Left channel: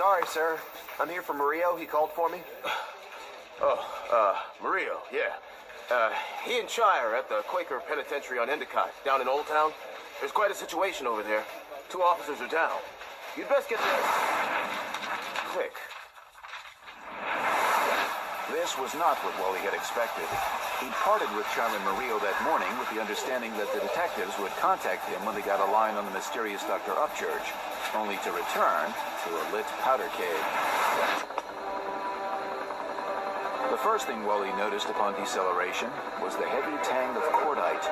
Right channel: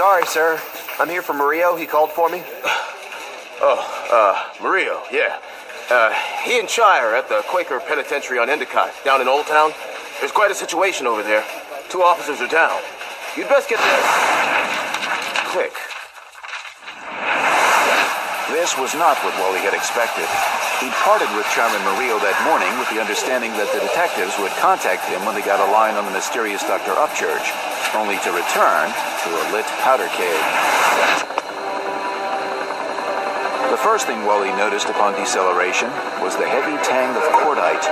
Sorry, sir. I'm here for Murillo. He called for me. Murillo, yeah. He and Chai are at the Quaker Penitentiary on Endicott, down in Old Town. There's quite a situation over there. 2 officers are down. You'd best get there. Quick. This was not what Wally had expected. He'd parted with Chairman Murillo that morning with the understanding that the detectives would contact him when they got a line on the mysterious Dr. Upchurch, only to return to a lit powder keg. The first thing Wally noticed upon deceleration was the heavy tang of cordite.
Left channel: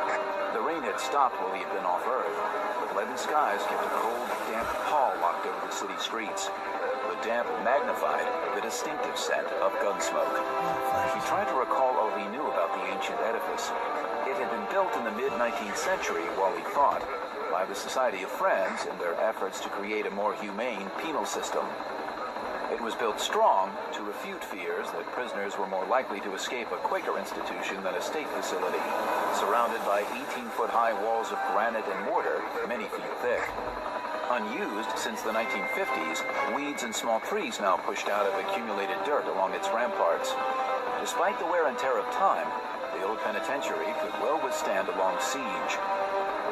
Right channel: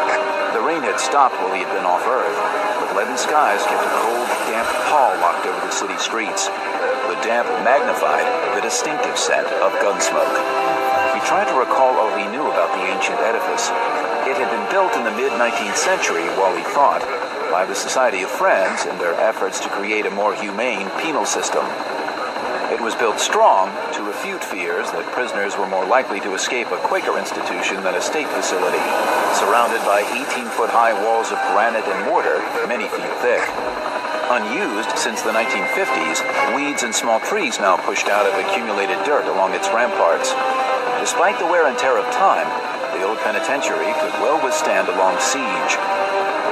The rain had stopped while he had been off Earth, but leaden skies kept a cold, damp pall locked over the city streets. The damp magnified the distinctive scent of gunsmoke. He tried to recall all he knew about the ancient edifice. It had been built in the mid-19th century, Wally thought, by the Society of Friends in their efforts to create a more humane penal system. It was built strong to refute fears that prisoners were more likely to escape a Quaker institution than a state facility, surrounded by 18-foot-high walls of granite and mortar, many feet thick. Unused since the 1950s, weeds and small trees now pushed out of accumulated dirt along its ramparts. Despite the wear and tear of time, the old penitentiary could well withstand a long siege.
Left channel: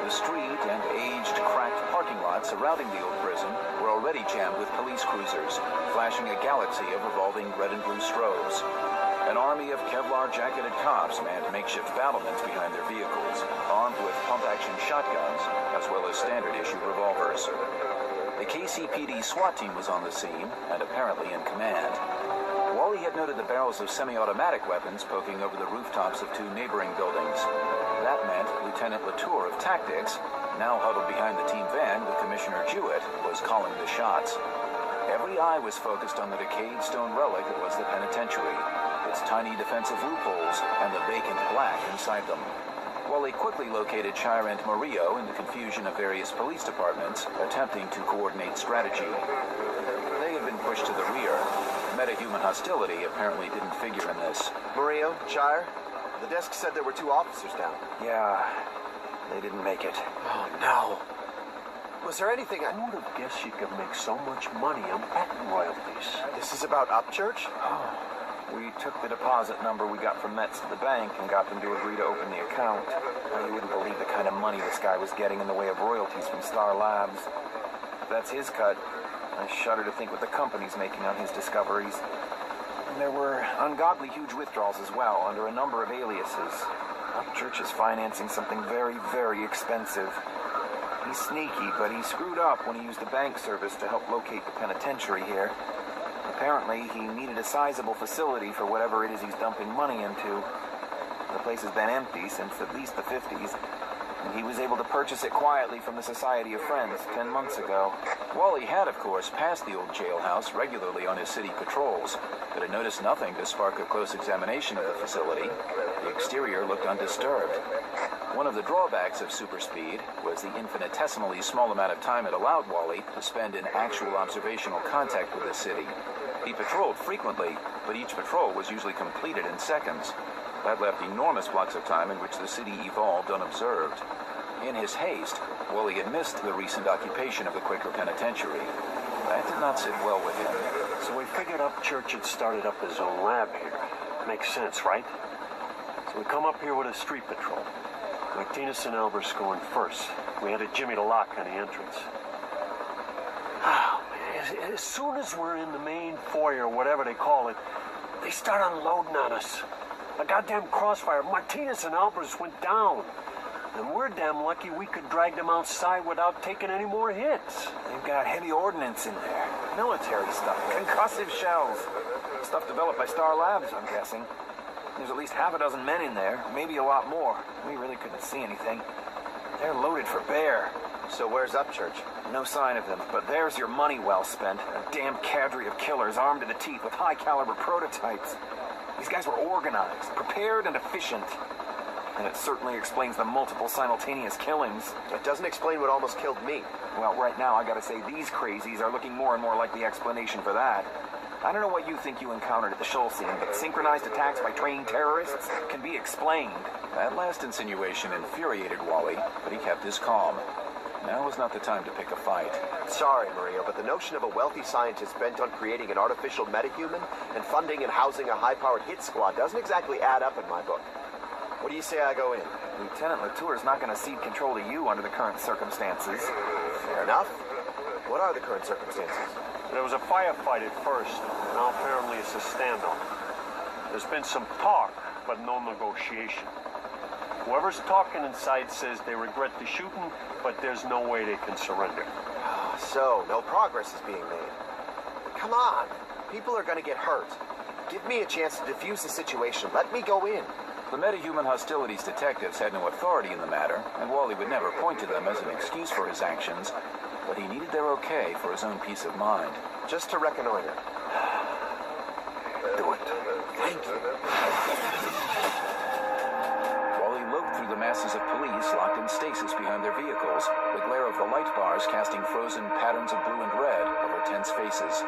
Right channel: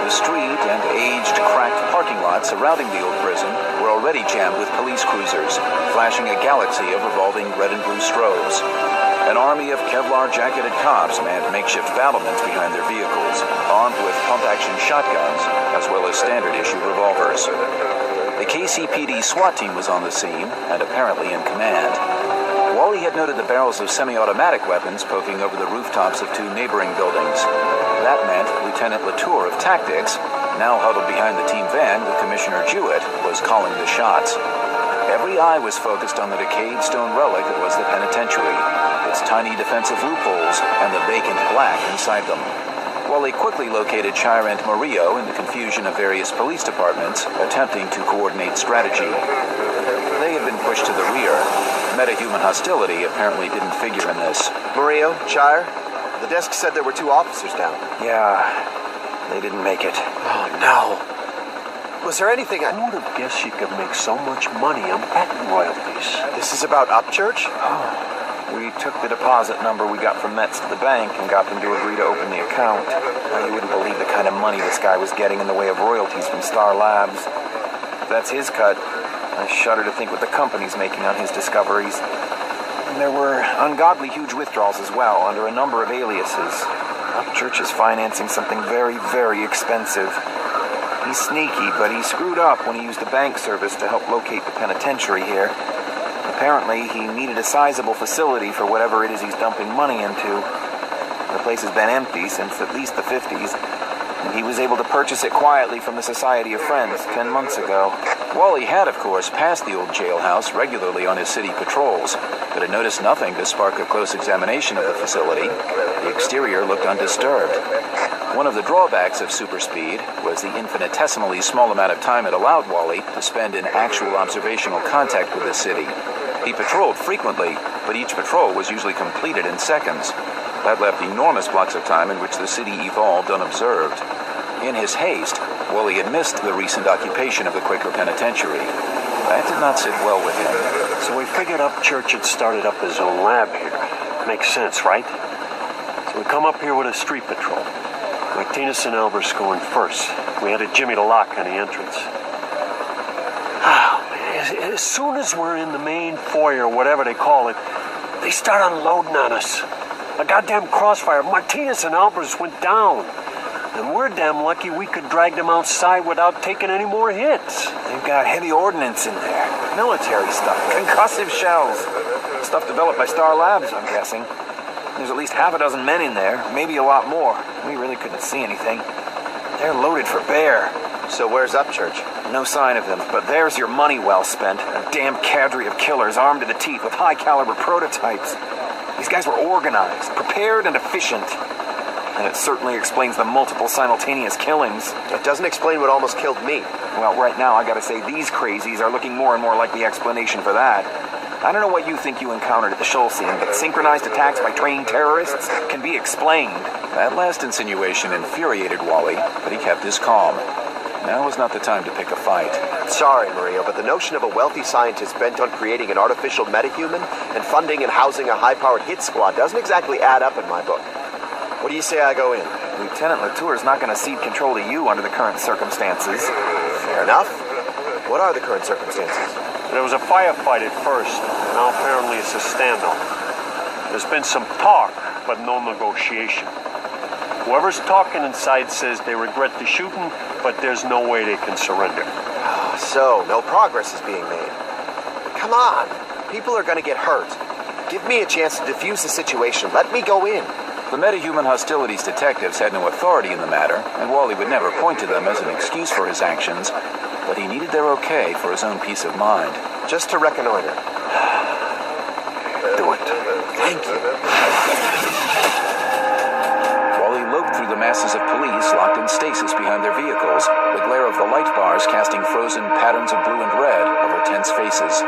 The street and aged, cracked parking lot surrounding the old prison were already jammed with police cruisers, flashing a galaxy of revolving red and blue strobes. An army of Kevlar-jacketed cops manned makeshift battlements behind their vehicles, armed with pump-action shotguns, as well as standard-issue revolvers. The KCPD SWAT team was on the scene, and apparently in command. Wally had noted the barrels of semi-automatic weapons poking over the rooftops of 2 neighboring buildings. That meant Lieutenant Latour of Tactics, now huddled behind the team van with Commissioner Jewett, was calling the shots. Every eye was focused on the decayed stone relic that was the penitentiary, its tiny defensive loopholes, and the vacant black inside them. Wally quickly located Shire and Murillo in the confusion of various police departments, attempting to coordinate strategy. They had been pushed to the rear. Metahuman hostility apparently didn't figure in this. Murillo, Shire, the desk said there were 2 officers down. Yeah, they didn't make it. Oh, no. Was there anything I would have guessed you could make so much money on patent royalties. This is about Upchurch? We took the deposit number we got from Mets to the bank and got them to agree to open the account. Now, you wouldn't believe the kind of money this guy was getting in the way of royalties from Star Labs. If that's his cut, I shudder to think what the company's making on his discoveries. And there were ungodly huge withdrawals as well, under a number of aliases. Upchurch is financing something very, very expensive. He's sneaky, but he screwed up when he used the bank service to help locate the penitentiary here. Apparently, he needed a sizable facility for whatever it is he's dumping money into. The place has been empty since at least the 50s, and he was able to purchase it quietly from the Society of Friends 10 months ago. Wally had, of course, passed the old jailhouse regularly on his city patrols, but had noticed nothing to spark a close examination of the facility. The exterior looked undisturbed. One of the drawbacks of superspeed was the infinitesimally small amount of time it allowed Wally to spend in actual observational contact with the city. He patrolled frequently, but each patrol was usually completed in seconds. That left enormous blocks of time in which the city evolved unobserved. In his haste, Wally had missed the recent occupation of the Quaker Penitentiary. That did not sit well with him. So we figured Upchurch had started up his own lab here. Makes sense, right? So we come up here with a street patrol. Martinez and Elber's going first. We had a Jimmy to lock on the entrance. As soon as we're in the main foyer, whatever they call it, they start unloading on us. A goddamn crossfire. Martinez and Albers went down. And we're damn lucky we could drag them outside without taking any more hits. They've got heavy ordnance in there. Military stuff. Concussive shells. Stuff developed by Star Labs, I'm guessing. There's at least half a dozen men in there, maybe a lot more. We really couldn't see anything. They're loaded for bear. So where's Upchurch? No sign of them, but there's your money well spent. A damn cadre of killers armed to the teeth with high-caliber prototypes. These guys were organized, prepared, and efficient. And it certainly explains the multiple simultaneous killings. It doesn't explain what almost killed me. Well, right now, I gotta say, these crazies are looking more and more like the explanation for that. I don't know what you think you encountered at the Shoal scene, but synchronized attacks by trained terrorists can be explained. That last insinuation infuriated Wally, but he kept his calm. Now was not the time to pick a fight. Sorry, Mario, but the notion of a wealthy scientist bent on creating an artificial metahuman and funding and housing a high-powered hit squad doesn't exactly add up in my book. What do you say I go in? Lieutenant Latour's not going to cede control to you under the current circumstances. Fair enough. What are the current circumstances? There was a firefight at first. Now apparently it's a standoff. There's been some talk, but no negotiation. Whoever's talking inside says they regret the shooting, but there's no way they can surrender. So, no progress is being made. Come on. People are going to get hurt. Give me a chance to defuse the situation. Let me go in. The metahuman hostilities detectives had no authority in the matter, and Wally would never point to them as an excuse for his actions, but he needed their okay for his own peace of mind. Just to reconnoiter. Do it. Thank you. Wally loped through the masses of police locked in stasis behind their vehicles, the glare of the light bars casting frozen patterns of blue and red over tense faces.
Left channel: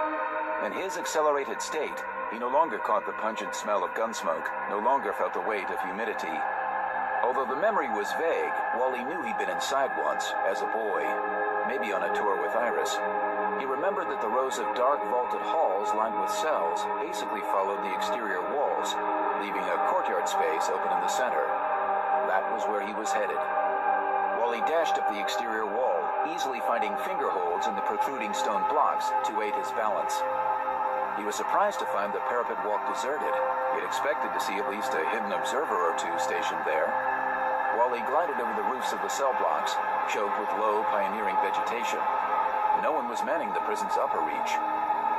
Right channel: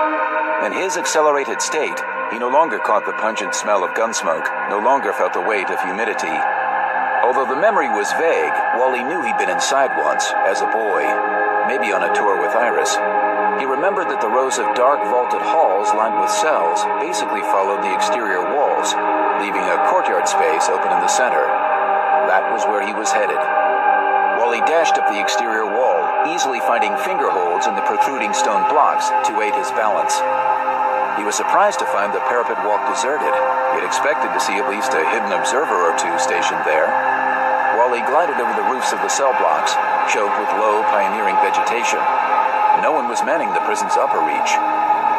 In his accelerated state, he no longer caught the pungent smell of gunsmoke, no longer felt the weight of humidity. Although the memory was vague, Wally knew he'd been inside once, as a boy, maybe on a tour with Iris. He remembered that the rows of dark vaulted halls lined with cells basically followed the exterior walls, leaving a courtyard space open in the center. That was where he was headed. Wally dashed up the exterior wall, easily finding finger holds in the protruding stone blocks to aid his balance. He was surprised to find the parapet walk deserted. He had expected to see at least a hidden observer or two stationed there. Wally glided over the roofs of the cell blocks, choked with low, pioneering vegetation. No one was manning the prison's upper reach.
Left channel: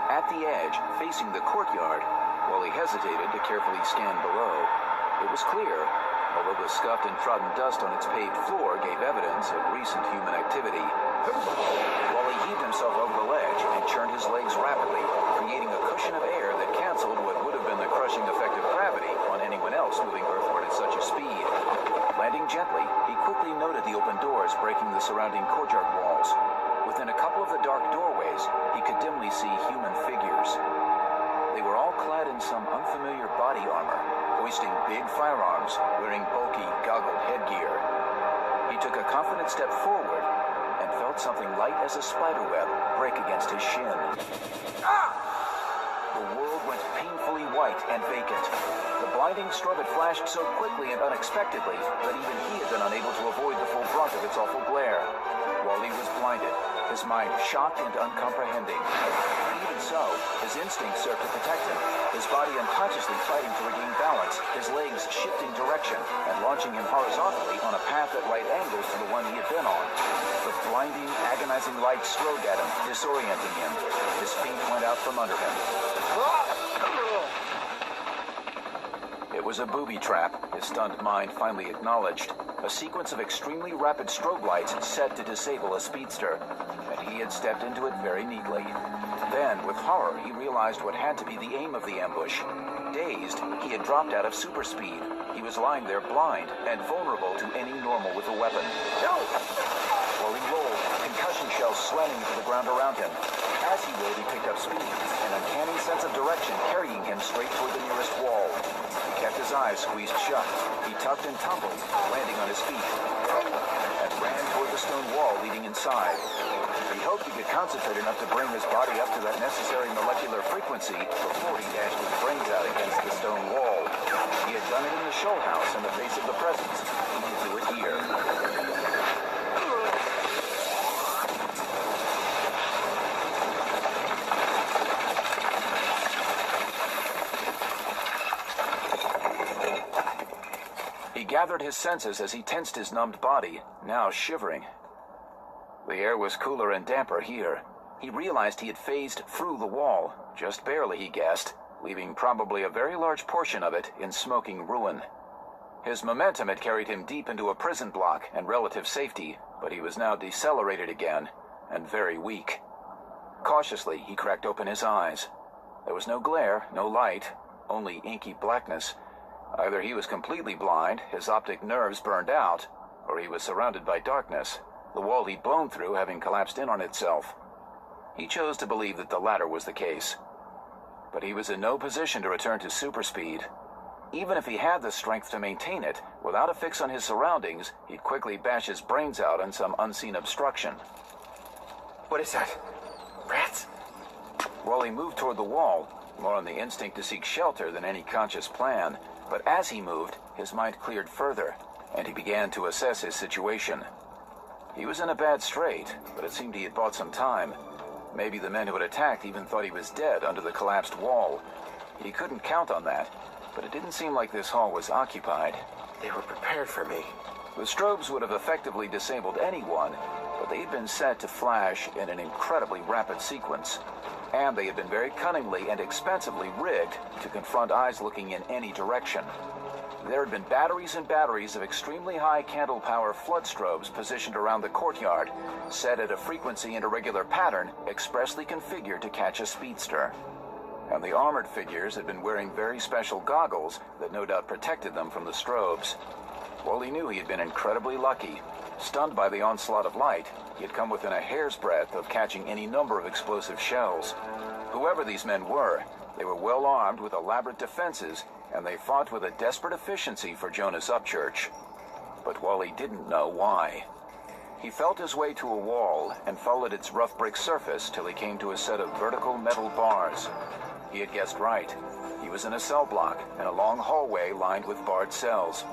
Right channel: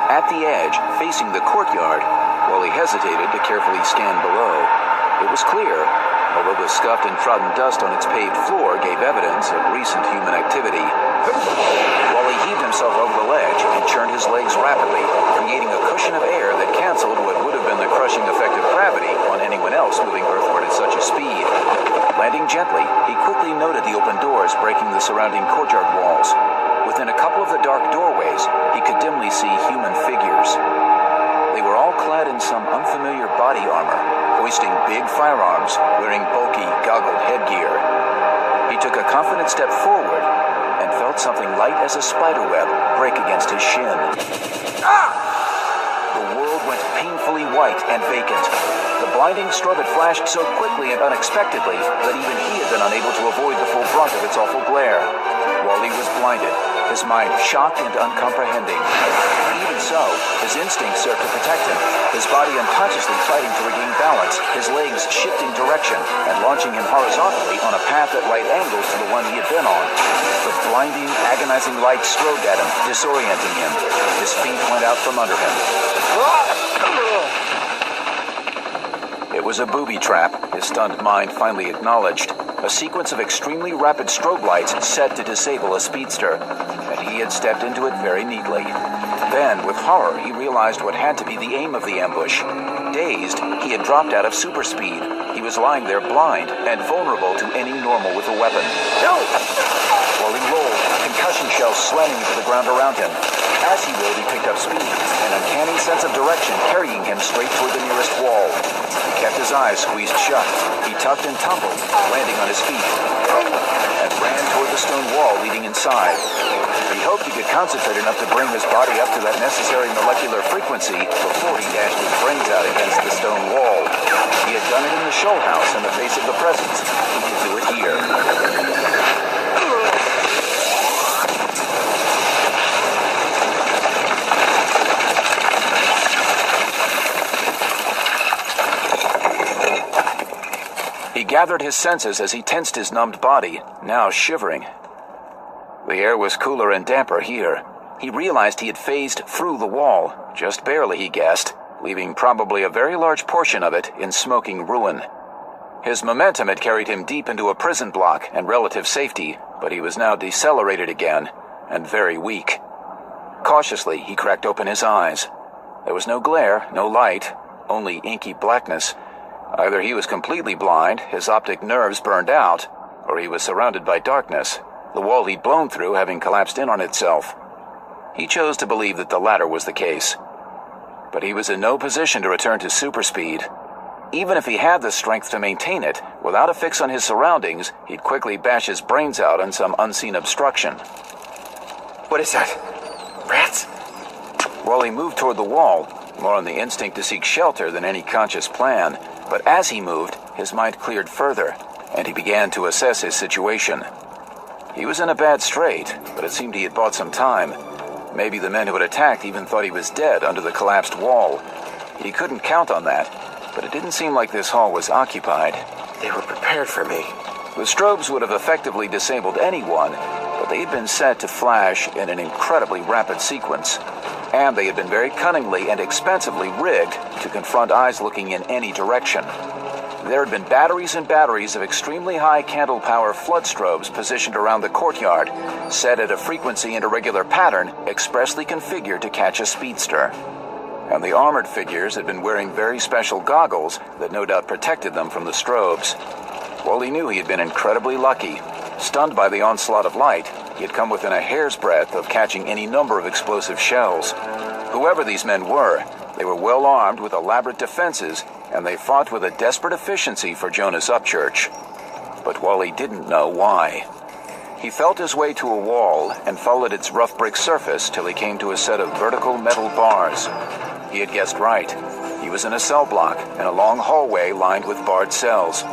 At the edge, facing the courtyard, Wally hesitated to carefully scan below. It was clear, although the scuffed and trodden dust on its paved floor gave evidence of recent human activity. Wally heaved himself over the ledge and churned his legs rapidly, creating a cushion of air that canceled what would have been the crushing effect of gravity on anyone else moving earthward at such a speed. Landing gently, he quickly noted the open doors breaking the surrounding courtyard walls. Within a couple of the dark doorways, he could dimly see human figures. They were all clad in some unfamiliar body armor, hoisting big firearms, wearing bulky, goggled headgear. He took a confident step forward and felt something light as a spiderweb break against his shin. The world went painfully white and vacant. The blinding strobe had flashed so quickly and unexpectedly that even he had been unable to avoid the full brunt of its awful glare. Wally was blinded, his mind shocked and uncomprehending. Even so, his instincts served to protect him, his body unconsciously fighting to regain balance, his legs shifting direction and launching him horizontally on a path at right angles to the one he had been on. The blinding, agonizing light strobed at him, disorienting him. His feet went out from under him. It was a booby trap, his stunned mind finally acknowledged. A sequence of extremely rapid strobe lights set to disable a speedster, and he had stepped into it very neatly. Then, with horror, he realized what had to be the aim of the ambush. Dazed, he had dropped out of super speed. He was lying there blind and vulnerable to any normal with a weapon. No! While he rolled, concussion shells slamming into the ground around him. As he rolled, he picked up speed, an uncanny sense of direction carrying him straight toward the nearest wall. He kept his eyes squeezed shut. He tucked and tumbled, landing on his feet, and ran toward the stone wall leading inside. He hoped he could concentrate enough to bring his body up to that necessary molecular frequency before he dashed his brains out against the stone wall. He had done it in the show house in the face of the presence. He could do it here. He gathered his senses as he tensed his numbed body, now shivering. The air was cooler and damper here. He realized he had phased through the wall, just barely, he guessed, leaving probably a very large portion of it in smoking ruin. His momentum had carried him deep into a prison block and relative safety, but he was now decelerated again, and very weak. Cautiously, he cracked open his eyes. There was no glare, no light, only inky blackness. Either he was completely blind, his optic nerves burned out, or he was surrounded by darkness, the wall he'd blown through having collapsed in on itself. He chose to believe that the latter was the case. But he was in no position to return to super speed. Even if he had the strength to maintain it, without a fix on his surroundings, he'd quickly bash his brains out on some unseen obstruction. What is that? Rats? Wally moved toward the wall, more on the instinct to seek shelter than any conscious plan. But as he moved, his mind cleared further, and he began to assess his situation. He was in a bad strait, but it seemed he had bought some time. Maybe the men who had attacked even thought he was dead under the collapsed wall. He couldn't count on that, but it didn't seem like this hall was occupied. They were prepared for me. The strobes would have effectively disabled anyone, but they had been set to flash in an incredibly rapid sequence. And they had been very cunningly and expensively rigged to confront eyes looking in any direction. There had been batteries and batteries of extremely high candle power flood strobes positioned around the courtyard, set at a frequency and irregular pattern expressly configured to catch a speedster. And the armored figures had been wearing very special goggles that no doubt protected them from the strobes. Wally knew he had been incredibly lucky. Stunned by the onslaught of light, he had come within a hair's breadth of catching any number of explosive shells. Whoever these men were, they were well armed with elaborate defenses, and they fought with a desperate efficiency for Jonas Upchurch. But Wally didn't know why. He felt his way to a wall and followed its rough brick surface till he came to a set of vertical metal bars. He had guessed right. He was in a cell block in a long hallway lined with barred cells.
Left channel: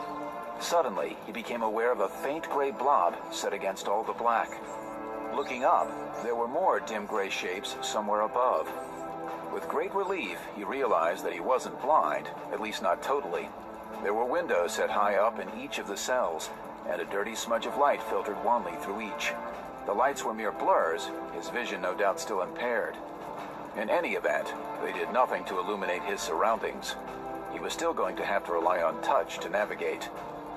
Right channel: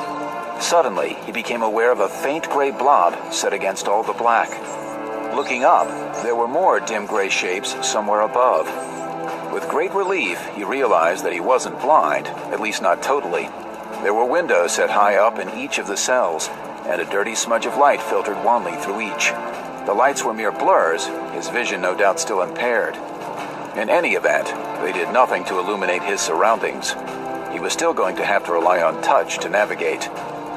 Suddenly, he became aware of a faint gray blob set against all the black. Looking up, there were more dim gray shapes somewhere above. With great relief, he realized that he wasn't blind, at least not totally. There were windows set high up in each of the cells, and a dirty smudge of light filtered wanly through each. The lights were mere blurs, his vision no doubt still impaired. In any event, they did nothing to illuminate his surroundings. He was still going to have to rely on touch to navigate.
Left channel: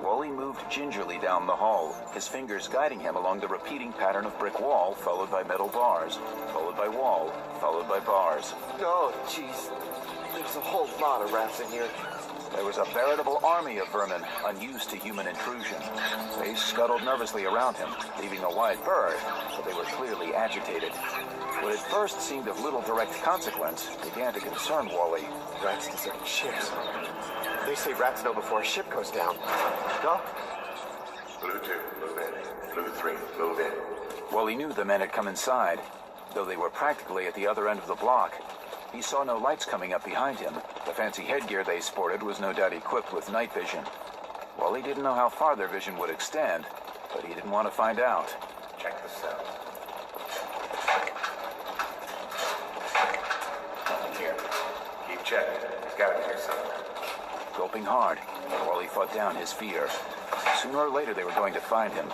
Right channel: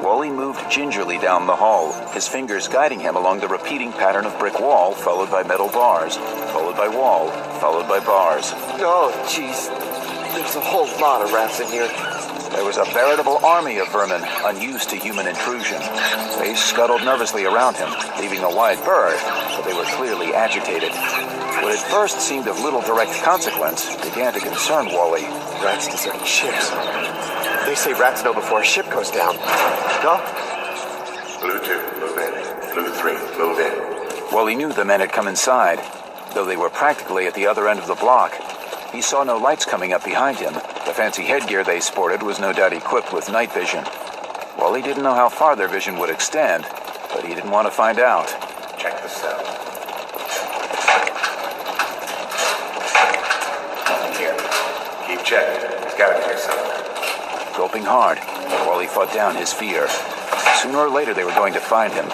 Wally moved gingerly down the hall, his fingers guiding him along the repeating pattern of brick wall, followed by metal bars, followed by wall, followed by bars. Oh, jeez. There's a whole lot of rats in here. There was a veritable army of vermin, unused to human intrusion. They scuttled nervously around him, leaving a wide berth, but they were clearly agitated. What at first seemed of little direct consequence began to concern Wally. Rats deserting ships. They say rats know before a ship goes down. Go. Blue 2, move in. Blue 3, move in. Wally knew the men had come inside, though they were practically at the other end of the block. He saw no lights coming up behind him. The fancy headgear they sported was no doubt equipped with night vision. Wally didn't know how far their vision would extend, but he didn't want to find out. Check the cell. Here. Keep checking. There's gotta be here somewhere. Gulping hard, Wally fought down his fear. Sooner or later they were going to find him,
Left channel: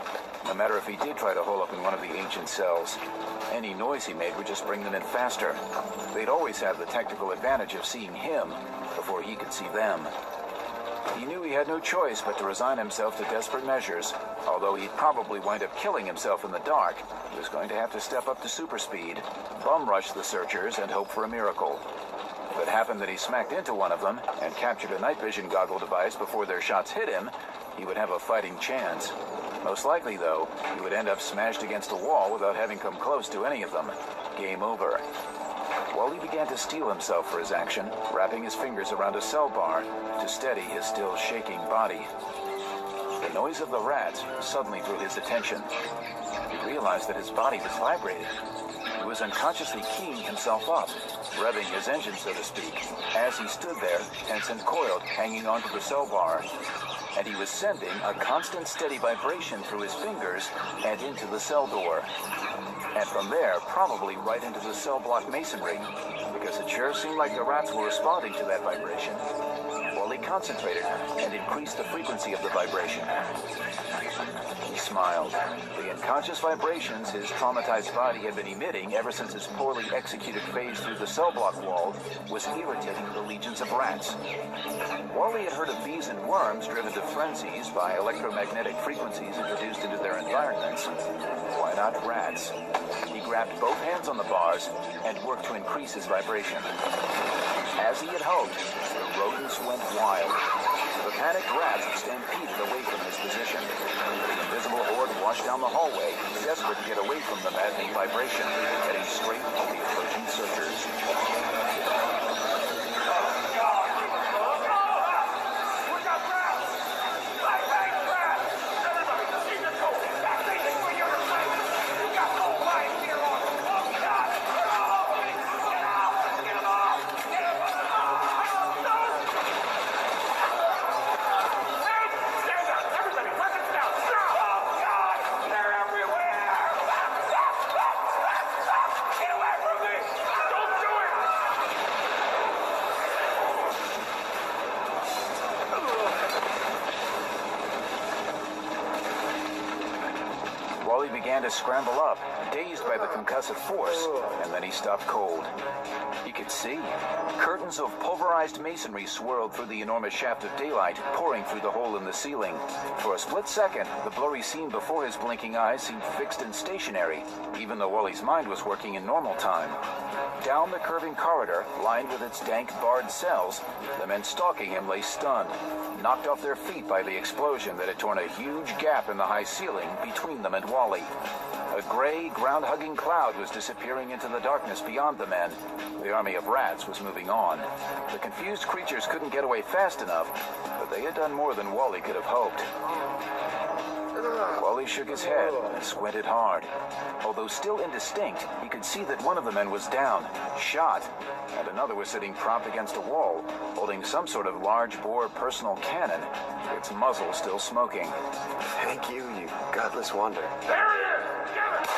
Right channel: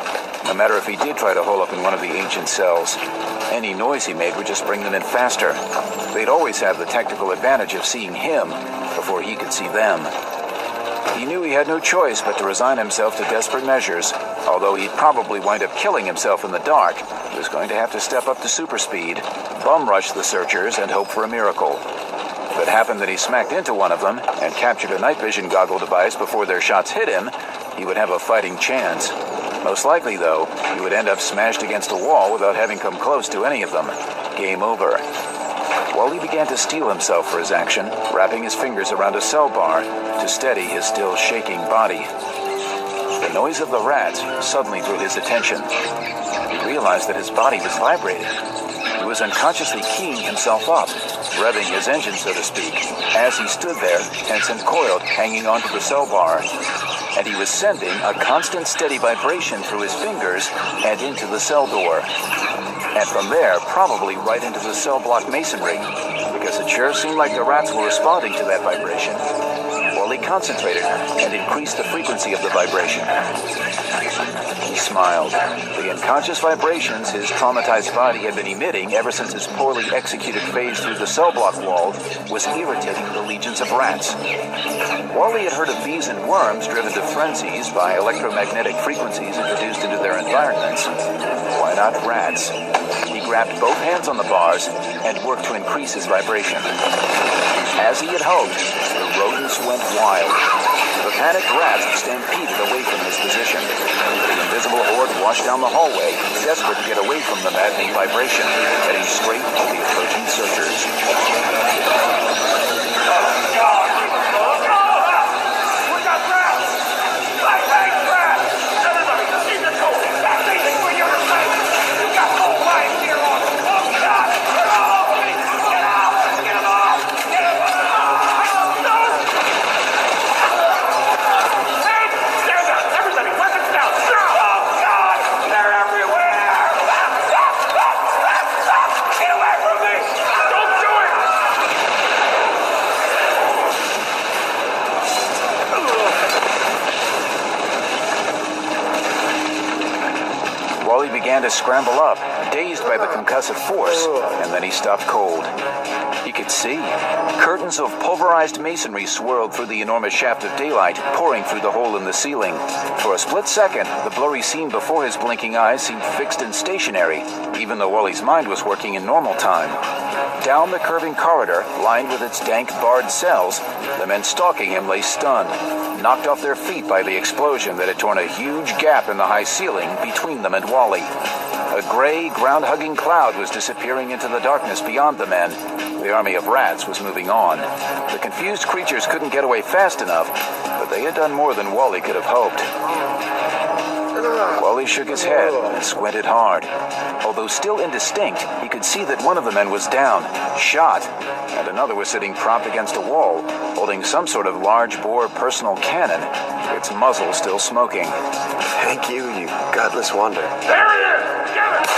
no matter if he did try to hole up in one of the ancient cells. Any noise he made would just bring them in faster. They'd always have the technical advantage of seeing him before he could see them. He knew he had no choice but to resign himself to desperate measures. Although he'd probably wind up killing himself in the dark, he was going to have to step up to super speed, bum rush the searchers, and hope for a miracle. If it happened that he smacked into one of them and captured a night vision goggle device before their shots hit him, he would have a fighting chance. Most likely, though, he would end up smashed against a wall without having come close to any of them. Game over. Wally began to steel himself for his action, wrapping his fingers around a cell bar to steady his still shaking body. The noise of the rats suddenly drew his attention. He realized that his body was vibrating. He was unconsciously keying himself up, revving his engine, so to speak, as he stood there, tense and coiled, hanging onto the cell bar. And he was sending a constant steady vibration through his fingers and into the cell door. And from there, probably right into the cell block masonry, because it sure seemed like the rats were responding to that vibration. Wally concentrated and increased the frequency of the vibration. He smiled. The unconscious vibrations his traumatized body had been emitting ever since his poorly executed phase through the cell block wall was irritating the legions of rats. Wally had heard of bees and worms driven to frenzies by electromagnetic frequencies introduced into their environments. Why not rats? He grabbed both hands on the bars and worked to increase his vibration. As he had hoped, the rodents went wild. The panicked rats stampeded away from his position. The invisible horde washed down the hallway, desperate to get away from the maddening vibration, heading straight for the approaching searchers. Wally began to scramble up, dazed by the concussive force, and then he stopped cold. He could see. Curtains of pulverized masonry swirled through the enormous shaft of daylight, pouring through the hole in the ceiling. For a split second, the blurry scene before his blinking eyes seemed fixed and stationary, even though Wally's mind was working in normal time. Down the curving corridor, lined with its dank, barred cells, the men stalking him lay stunned, knocked off their feet by the explosion that had torn a huge gap in the high ceiling between them and Wally. A gray, ground-hugging cloud was disappearing into the darkness beyond the men. The army of rats was moving on. The confused creatures couldn't get away fast enough, but they had done more than Wally could have hoped. Wally shook his head and squinted hard. Although still indistinct, he could see that one of the men was down, shot, and another was sitting propped against a wall, holding some sort of large-bore personal cannon, its muzzle still smoking. Thank you, you godless wonder. There he is! Get it!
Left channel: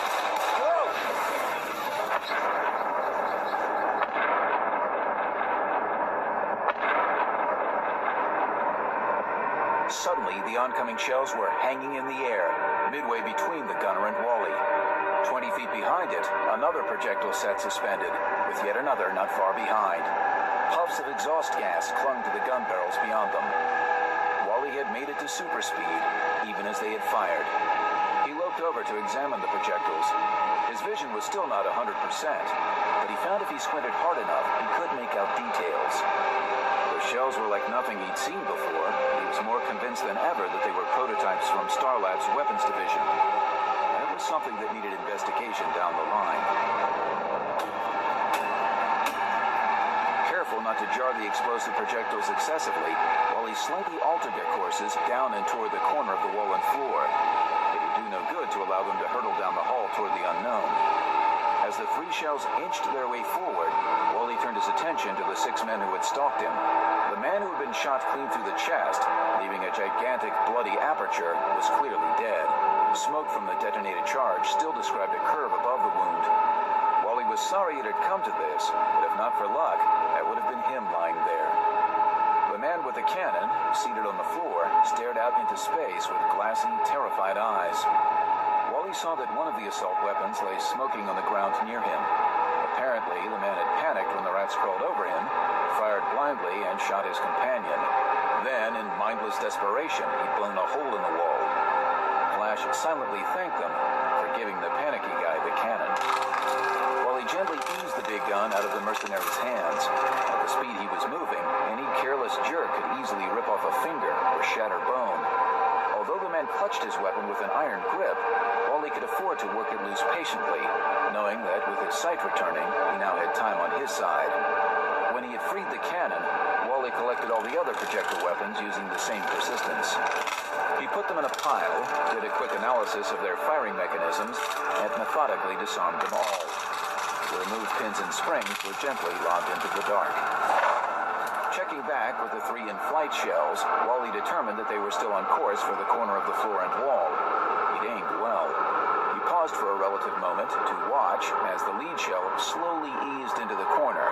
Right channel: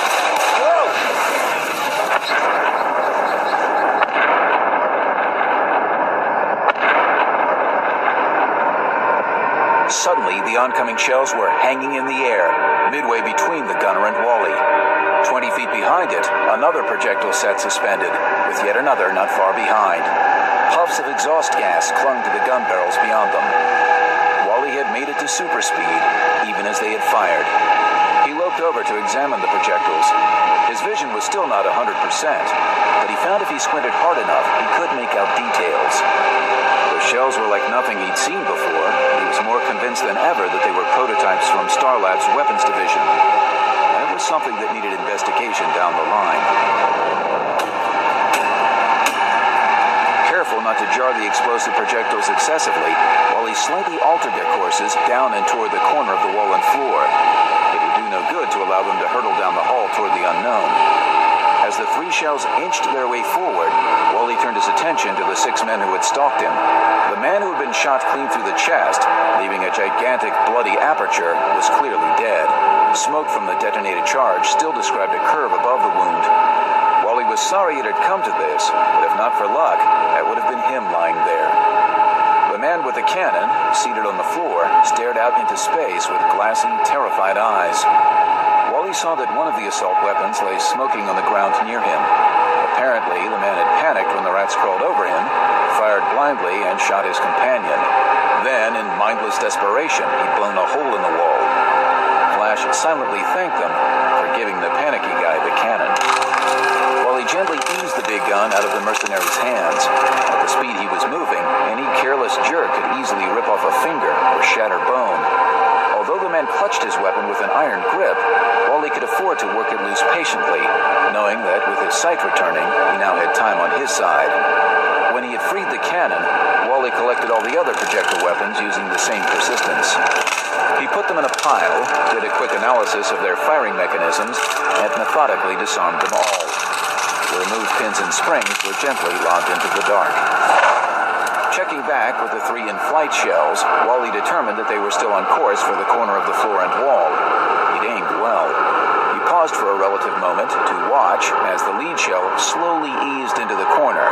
Suddenly, the oncoming shells were hanging in the air, midway between the gunner and Wally. 20 feet behind it, another projectile set suspended, with yet another not far behind. Puffs of exhaust gas clung to the gun barrels beyond them. Wally had made it to super speed, even as they had fired. He loped over to examine the projectiles. His vision was still not 100%, but he found if he squinted hard enough, he could make out details. The shells were like nothing he'd seen before. He was more convinced than ever that they were prototypes from Star Labs' weapons division. It was something that needed investigation down the line. Careful not to jar the explosive projectiles excessively, while he slightly altered their courses down and toward the corner of the wall and floor. It would do no good to allow them to hurtle down the hall toward the unknown. As the three shells inched their way forward, Wally turned his attention to the 6 men who had stalked him. The man who had been shot clean through the chest, leaving a gigantic bloody aperture, was clearly dead. Smoke from the detonated charge still described a curve above the wound. Wally was sorry it had come to this, but if not for luck, that would have been him lying there. The man with the cannon, seated on the floor, stared out into space with glassy, terrified eyes. Wally saw that one of the assault weapons lay smoking on the ground near him. Apparently, the man had panicked when the rats crawled over him, fired blindly, and shot his companion. Then, in mindless desperation, he'd blown a hole in the wall. Flash silently thanked them for giving the panicky guy the cannon. While he gently eased the big gun out of the mercenary's hands, at the speed he was moving, any careless jerk could easily rip off a finger or shatter bone. Although the man clutched his weapon with an iron grip, Wally could afford to work it loose patiently, knowing that with his sight returning, he now had time on his side. When he had freed the cannon, Wally collected all the other projectile weapons using the same persistence. He put them in a pile, did a quick analysis of their firing mechanisms, and methodically disarmed them all. The removed pins and springs were gently logged into the dark. Checking back with the 3 in-flight shells, Wally determined that they were still on course for the corner of the floor and wall. He'd aimed well. He paused for a relative moment to watch as the lead shell slowly eased into the corner.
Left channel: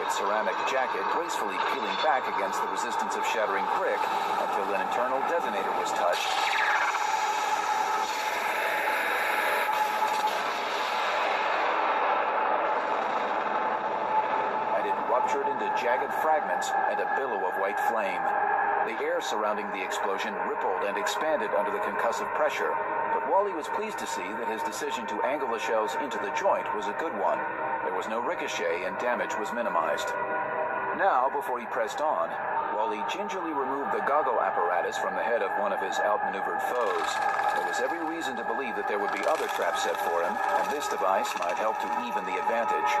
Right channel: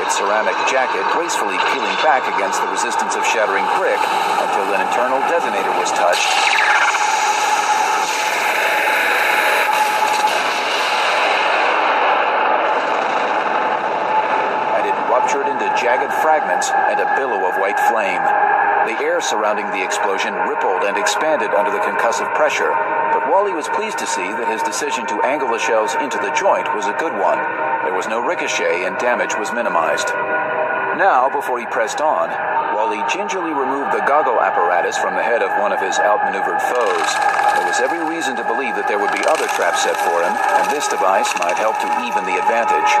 Its ceramic jacket gracefully peeling back against the resistance of shattering brick until an internal detonator was touched. Ruptured into jagged fragments and a billow of white flame. The air surrounding the explosion rippled and expanded under the concussive pressure, but Wally was pleased to see that his decision to angle the shells into the joint was a good one. There was no ricochet and damage was minimized. Now, before he pressed on, Wally gingerly removed the goggle apparatus from the head of one of his outmaneuvered foes. There was every reason to believe that there would be other traps set for him, and this device might help to even the advantage.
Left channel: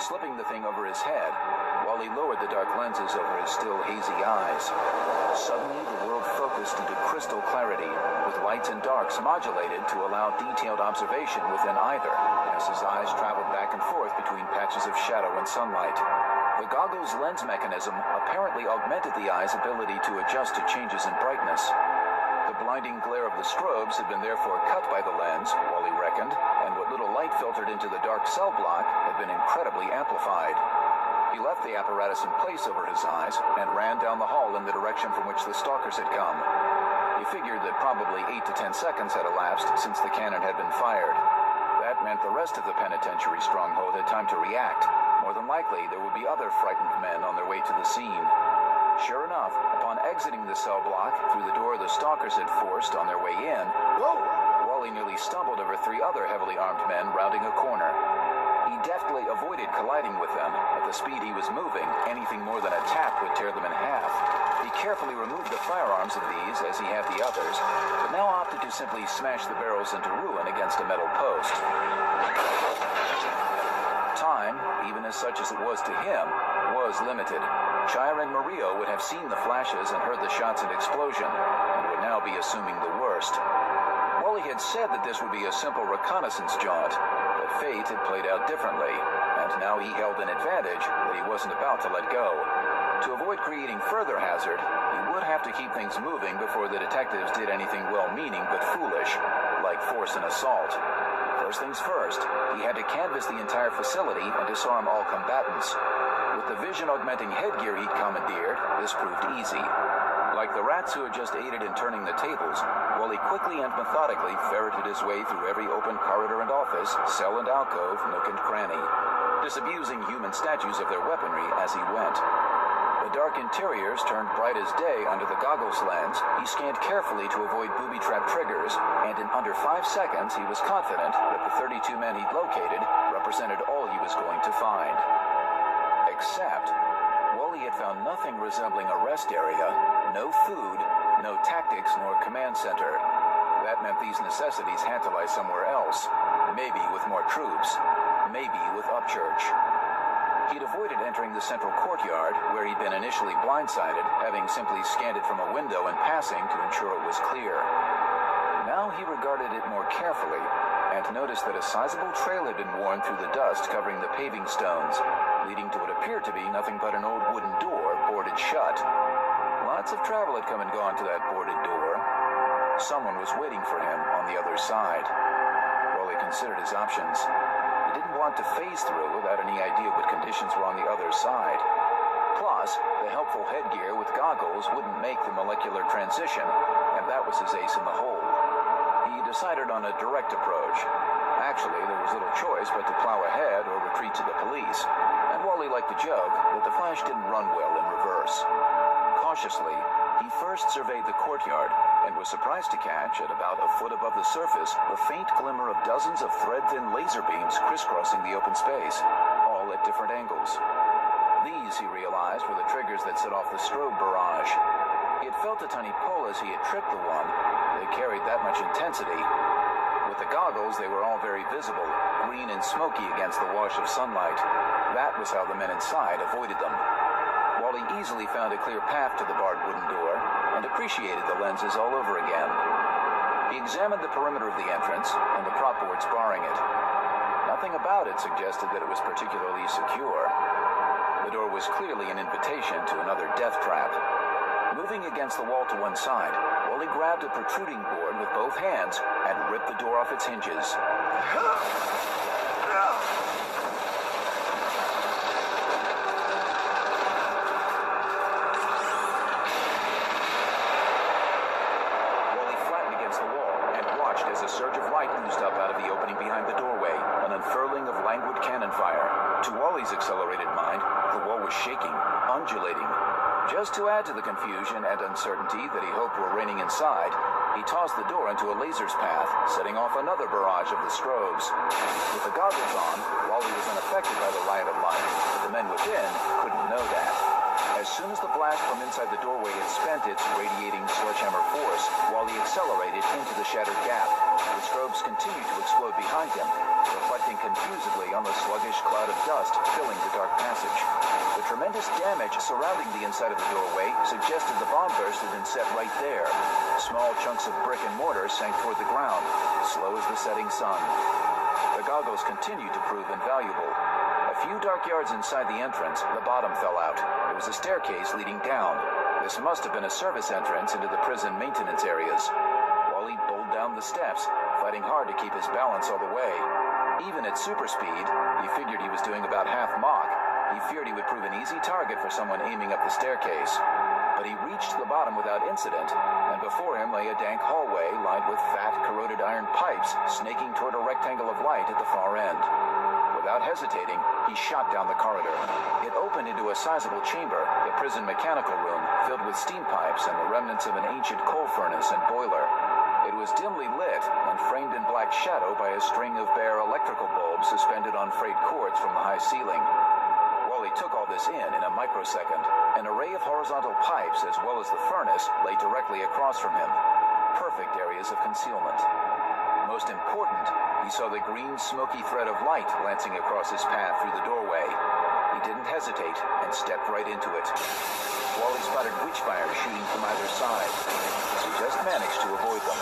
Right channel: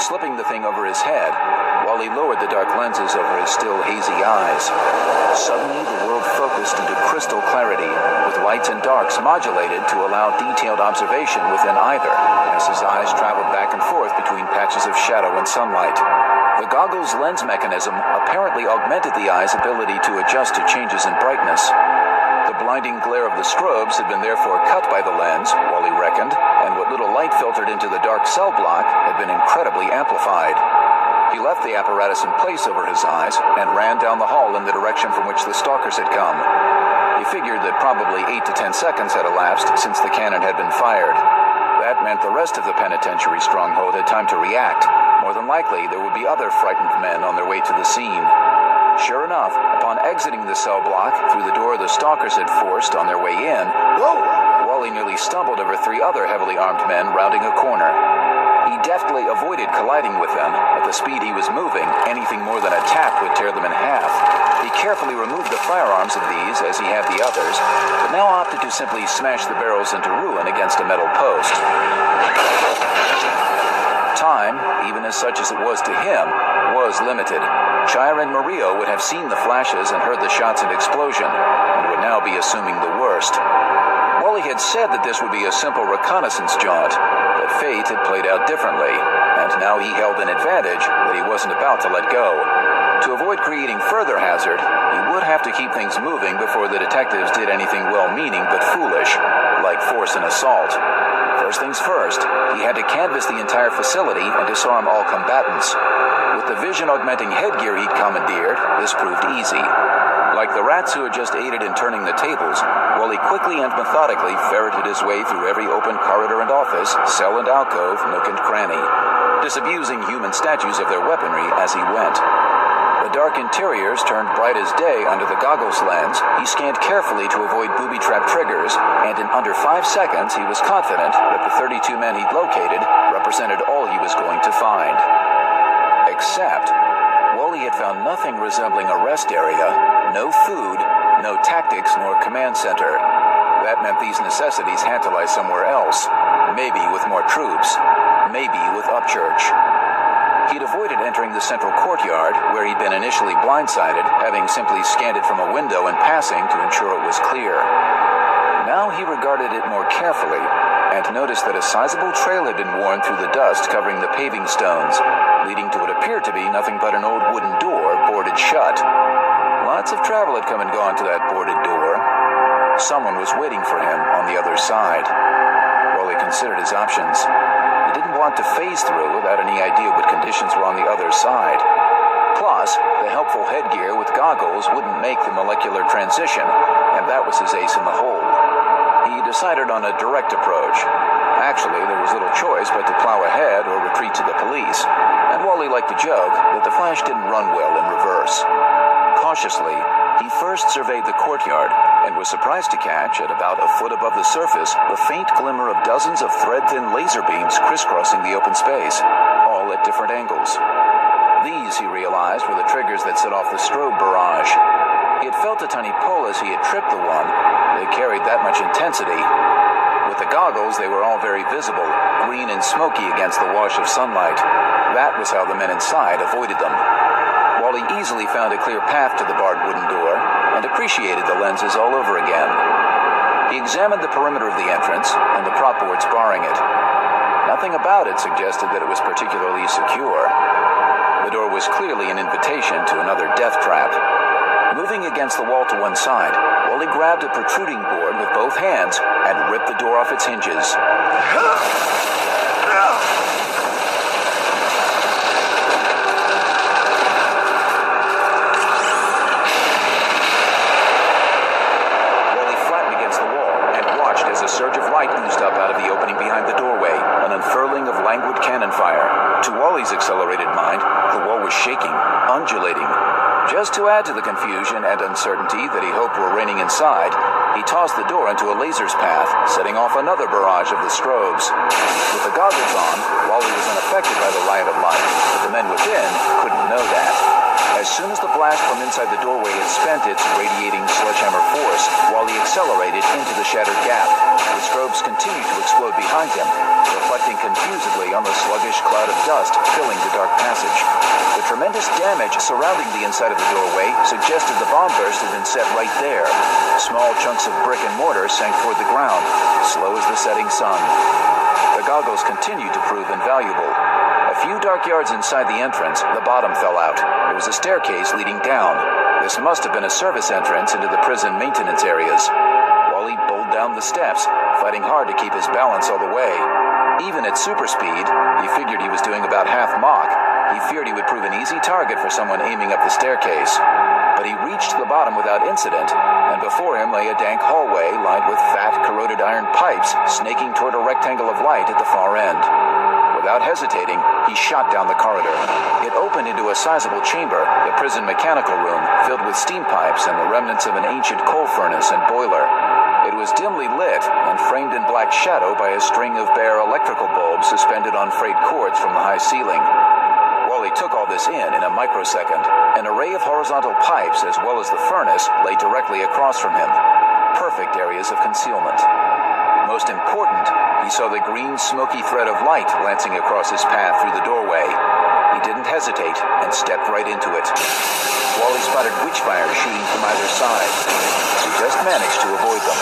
Slipping the thing over his head, Wally lowered the dark lenses over his still hazy eyes. Suddenly, the world focused into crystal clarity, with lights and darks modulated to allow detailed observation within either, as his eyes traveled back and forth between patches of shadow and sunlight. The goggle's lens mechanism apparently augmented the eye's ability to adjust to changes in brightness. The blinding glare of the strobes had been therefore cut by the lens, Wally reckoned, and what little light filtered into the dark cell block had been incredibly amplified. He left the apparatus in place over his eyes and ran down the hall in the direction from which the stalkers had come. He figured that probably 8 to 10 seconds had elapsed since the cannon had been fired. That meant the rest of the penitentiary stronghold had time to react. More than likely, there would be other frightened men on their way to the scene. Sure enough, upon exiting the cell block through the door the stalkers had forced on their way in, Wally nearly stumbled over 3 other heavily armed men rounding a corner. He deftly avoided colliding with them. At the speed he was moving, anything more than a tap would tear them in half. He carefully removed the firearms of these as he had the others, but now opted to simply smash the barrels into ruin against a metal post. Time, even as such as it was to him, was limited. Shire and Mario would have seen the flashes and heard the shots and explosion, and would now be assuming the worst. Wally had said that this would be a simple reconnaissance jaunt, but fate had played out differently, and now he held an advantage that he wasn't about to let go. To avoid creating further hazard, he would have to keep things moving before the detectives did anything well-meaning but foolish, like force an assault. First things first, he had to canvass the entire facility and disarm all combatants. With the vision-augmenting headgear he'd commandeered, this proved easy. Like the rats who had just aided in turning the tables, Wally quickly and methodically ferreted his way through every open corridor and office, cell and alcove, nook and cranny, disabusing human statues of their weaponry as he went. The dark interiors turned bright as day under the goggles lens. He scanned carefully to avoid booby-trap triggers, and in under 5 seconds he was confident that the 32 men he'd located represented all he was going to find. Except, Wally had found nothing resembling a rest area, no food, no tactics nor command center. That meant these necessities had to lie somewhere else, maybe with more troops, maybe with Upchurch. He'd avoided entering the central courtyard, where he'd been initially blindsided, having simply scanned it from a window in passing to ensure it was clear. Now he regarded it more carefully, and noticed that a sizable trail had been worn through the dust covering the paving stones, leading to what appeared to be nothing but an old wooden door boarded shut. Lots of travel had come and gone to that boarded door. Someone was waiting for him on the other side. Wally considered his options. He didn't want to phase through without any idea what conditions were on the other side. Plus, the helpful headgear with goggles wouldn't make the molecular transition, and that was his ace in the hole. He decided on a direct approach. Actually, there was little choice but to plow ahead or retreat to the police, and Wally liked to joke that the Flash didn't run well in reverse. Cautiously, he first surveyed the courtyard and was surprised to catch, at about a foot above the surface, the faint glimmer of dozens of thread-thin laser beams crisscrossing the open space, all at different angles. These, he realized, were the triggers that set off the strobe barrage. He had felt a tiny pull as he had tripped the one. They carried that much intensity. With the goggles, they were all very visible, green and smoky against the wash of sunlight. That was how the men inside avoided them. Wally easily found a clear path to the barred wooden door and appreciated the lenses all over again. He examined the perimeter of the entrance and the prop boards barring it. Nothing about it suggested that it was particularly secure. The door was clearly an invitation to another death trap. Moving against the wall to one side, Wally grabbed a protruding board with both hands and ripped the door off its hinges. As a surge of light oozed up out of the opening behind the doorway, an unfurling of languid cannon fire. To Wally's accelerated mind, the wall was shaking, undulating. Just to add to the confusion and uncertainty that he hoped were reigning inside, he tossed the door into a laser's path, setting off another barrage of the strobes. With the goggles on, Wally was unaffected by the riot of light, but the men within couldn't know that. As soon as the blast from inside the doorway had spent its radiating sledgehammer force, Wally accelerated into the shattered gap. The strobes continued to explode behind him, reflecting confusedly on the sluggish cloud of dust filling the dark passage. The tremendous damage surrounding the inside of the doorway suggested the bomb burst had been set right there. Small chunks of brick and mortar sank toward the ground, slow as the setting sun. The goggles continued to prove invaluable. A few dark yards inside the entrance, the bottom fell out. There was a staircase leading down. This must have been a service entrance into the prison maintenance areas. Wally bowled down the steps, fighting hard to keep his balance all the way. Even at super speed, he figured he was doing about half Mach. He feared he would prove an easy target for someone aiming up the staircase. but he reached the bottom without incident, and before him lay a dank hallway lined with fat, corroded iron pipes snaking toward a rectangle of light at the far end. Without hesitating, he shot down the corridor. It opened into a sizable chamber, the prison mechanical room, filled with steam pipes and the remnants of an ancient coal furnace and boiler. It was dimly lit and framed in black shadow by a string of bare electrical bulbs suspended on frayed cords from the high ceiling. Wally took all this in a microsecond. An array of horizontal pipes, as well as the furnace, lay directly across from him. Perfect areas of concealment. Most important, he saw the green, smoky thread of light lancing across his path through the doorway. He didn't hesitate and stepped right into it. Wally spotted witchfire shooting from either side. He just managed to avoid them.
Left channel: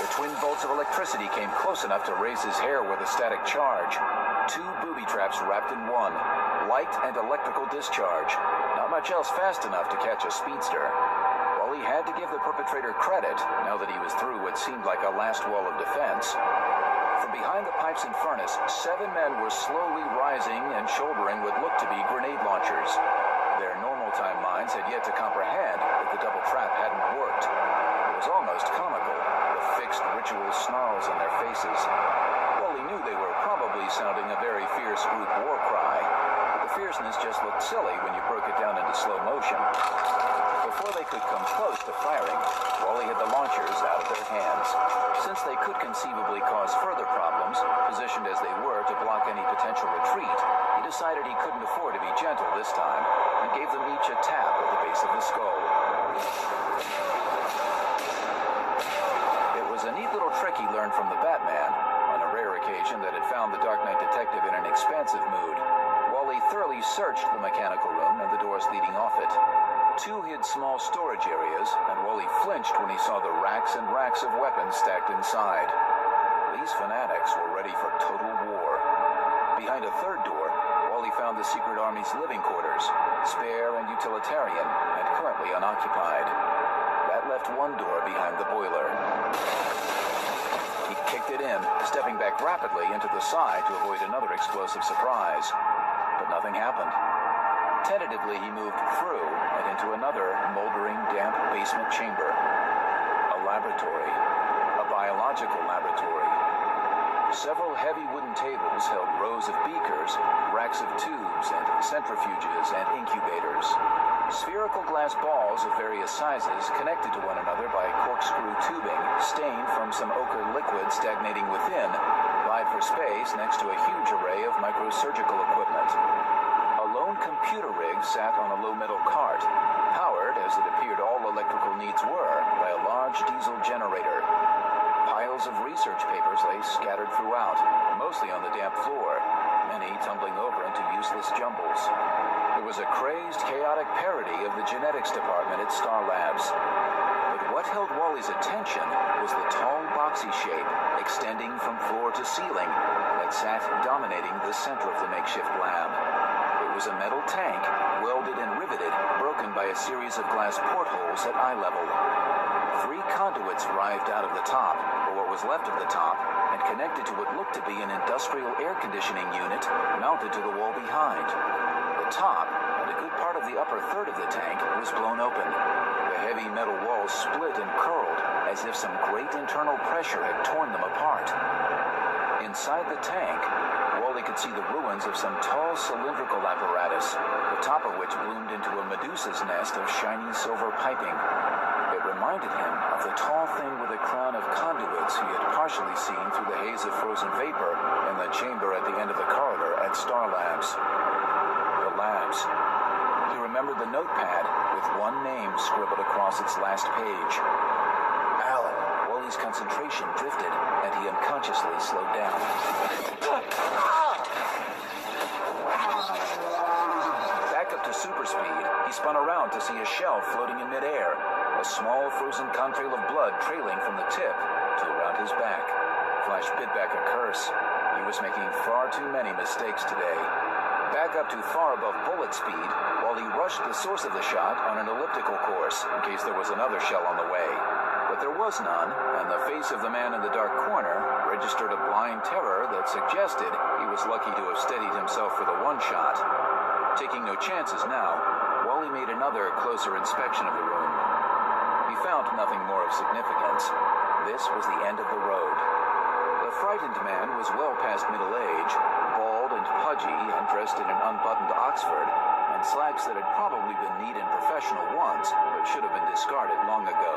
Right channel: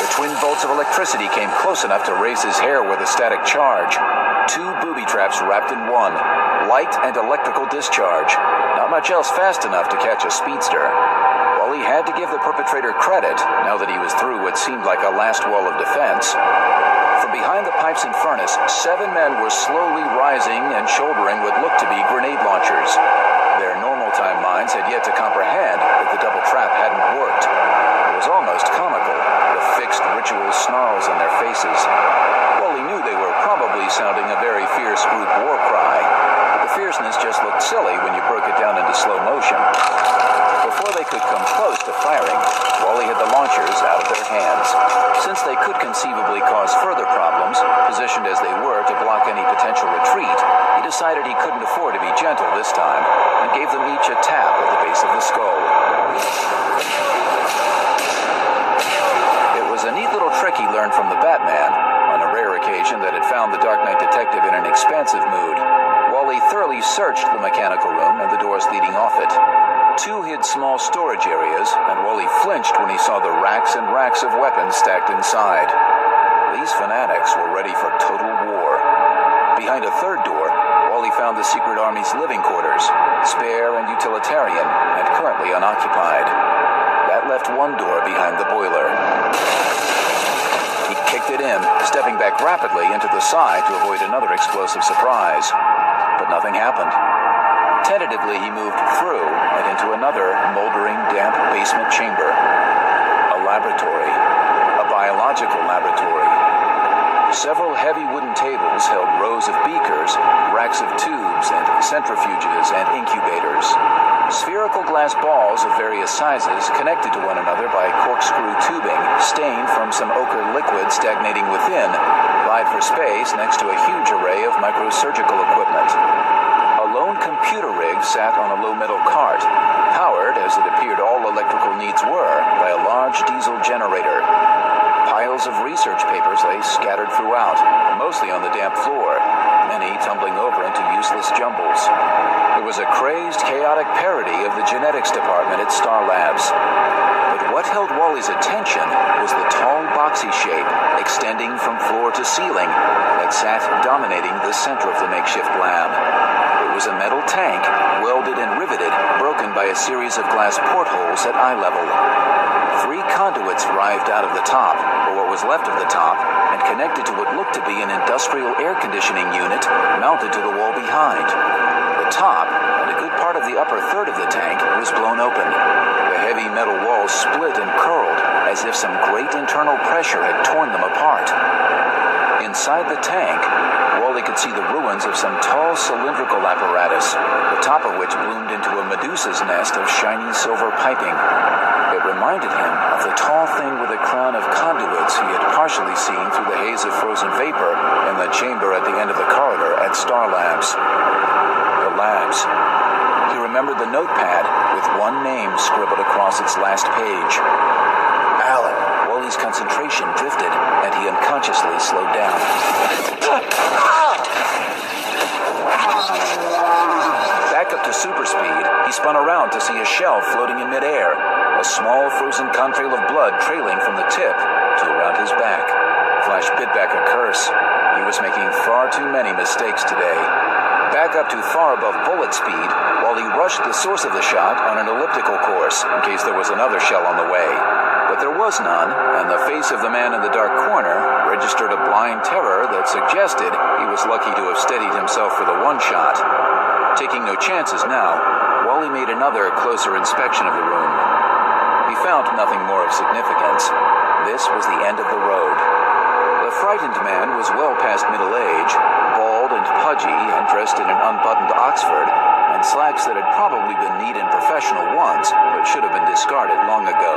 The twin bolts of electricity came close enough to raise his hair with a static charge. 2 booby traps wrapped in one. Light and electrical discharge. Not much else fast enough to catch a speedster. Wally had to give the perpetrator credit, now that he was through what seemed like a last wall of defense. From behind the pipes and furnace, 7 men were slowly rising and shouldering what looked to be grenade launchers. Their normal-time minds had yet to comprehend that the double trap hadn't worked. It was almost comical, the fixed ritual snarls on their faces. Wally knew they were probably sounding a very fierce group war cry, but the fierceness just looked silly when you broke it down into slow motion. Before they could come close to firing, Wally had the launchers out of their hands. Since they could conceivably cause further problems, positioned as they were to block any potential retreat, he decided he couldn't afford to be gentle this time, and gave them each a tap at the base of the skull. It was a neat little trick he learned from the Batman, on a rare occasion that had found the Dark Knight detective in an expansive mood. Wally thoroughly searched the mechanical room and the doors leading off it. 2 hid small storage areas, and Wally flinched when he saw the racks and racks of weapons stacked inside. These fanatics were ready for total war. Behind a 3rd door, Wally found the Secret Army's living quarters, spare and utilitarian, and currently unoccupied. That left 1 door behind the boiler. He kicked it in, stepping back rapidly into the side to avoid another explosive surprise. But nothing happened. Tentatively, he moved through and into another moldering, damp basement chamber. A laboratory. A biological laboratory. Several heavy wooden tables held rows of beakers, racks of tubes, and centrifuges and incubators. Spherical glass balls of various sizes connected to one another by corkscrew tubing, stained from some ochre liquid stagnating within, vied for space next to a huge array of microsurgical equipment. A lone computer rig sat on a low metal cart, powered, as it appeared all electrical needs were, by a large diesel generator. Piles of research papers lay scattered throughout, mostly on the damp floor, many tumbling over into useless jumbles. It was a crazed, chaotic parody of the genetics department at Star Labs. But what held Wally's attention was the tall, boxy shape, extending from floor to ceiling, that sat dominating the center of the makeshift lab. It was a metal tank, welded and riveted, broken by a series of glass portholes at eye level. 3 conduits writhed out of the top, or what was left of the top, and connected to what looked to be an industrial air conditioning unit mounted to the wall behind. The top, and a good part of the upper third of the tank, was blown open. The heavy metal walls split and curled, as if some great internal pressure had torn them apart. Inside the tank, Wally could see the ruins of some tall cylindrical apparatus, the top of which bloomed into a Medusa's nest of shiny silver piping. It reminded him of the tall thing with a crown of conduits he had partially seen through the haze of frozen vapor in the chamber at the end of the corridor at Star Labs. The labs. He remembered the notepad with 1 name scribbled across its last page. Alan. Wally's concentration drifted, and he unconsciously slowed down. Back up to super speed, he spun around to see a shell floating in midair, a small frozen contrail of blood trailing from the tip to around his back. Flash bit back a curse. He was making far too many mistakes today. Back up to far above bullet speed, Wally rushed the source of the shot on an elliptical course in case there was another shell on the way. But there was none, and the face of the man in the dark corner registered a blind terror that suggested he was lucky to have steadied himself for the 1 shot. Taking no chances now, Wally Wally made another, closer inspection of the room. He found nothing more of significance. This was the end of the road. The frightened man was well past middle age, bald and pudgy, and dressed in an unbuttoned Oxford, and slacks that had probably been neat and professional once, but should have been discarded long ago.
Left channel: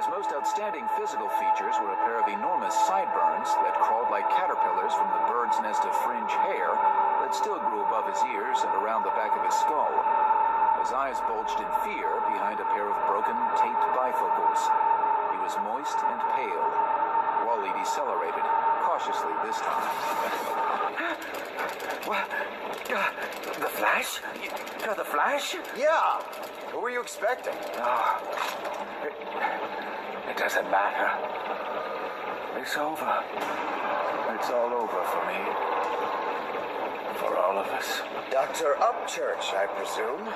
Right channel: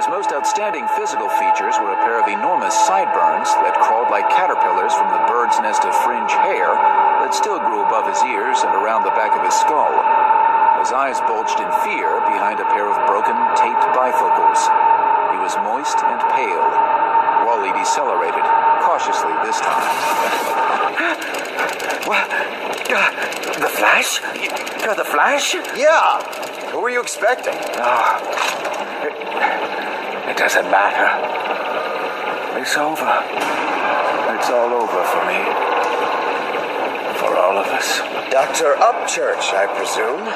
His most outstanding physical features were a pair of enormous sideburns that crawled like caterpillars from the bird's nest of fringe hair that still grew above his ears and around the back of his skull. His eyes bulged in fear behind a pair of broken, taped bifocals. He was moist and pale. Wally decelerated, cautiously this time. What? The Flash? You're the Flash? Yeah! Who were you expecting? It doesn't matter. It's over. It's all over for me. For all of us. Dr. Upchurch, I presume.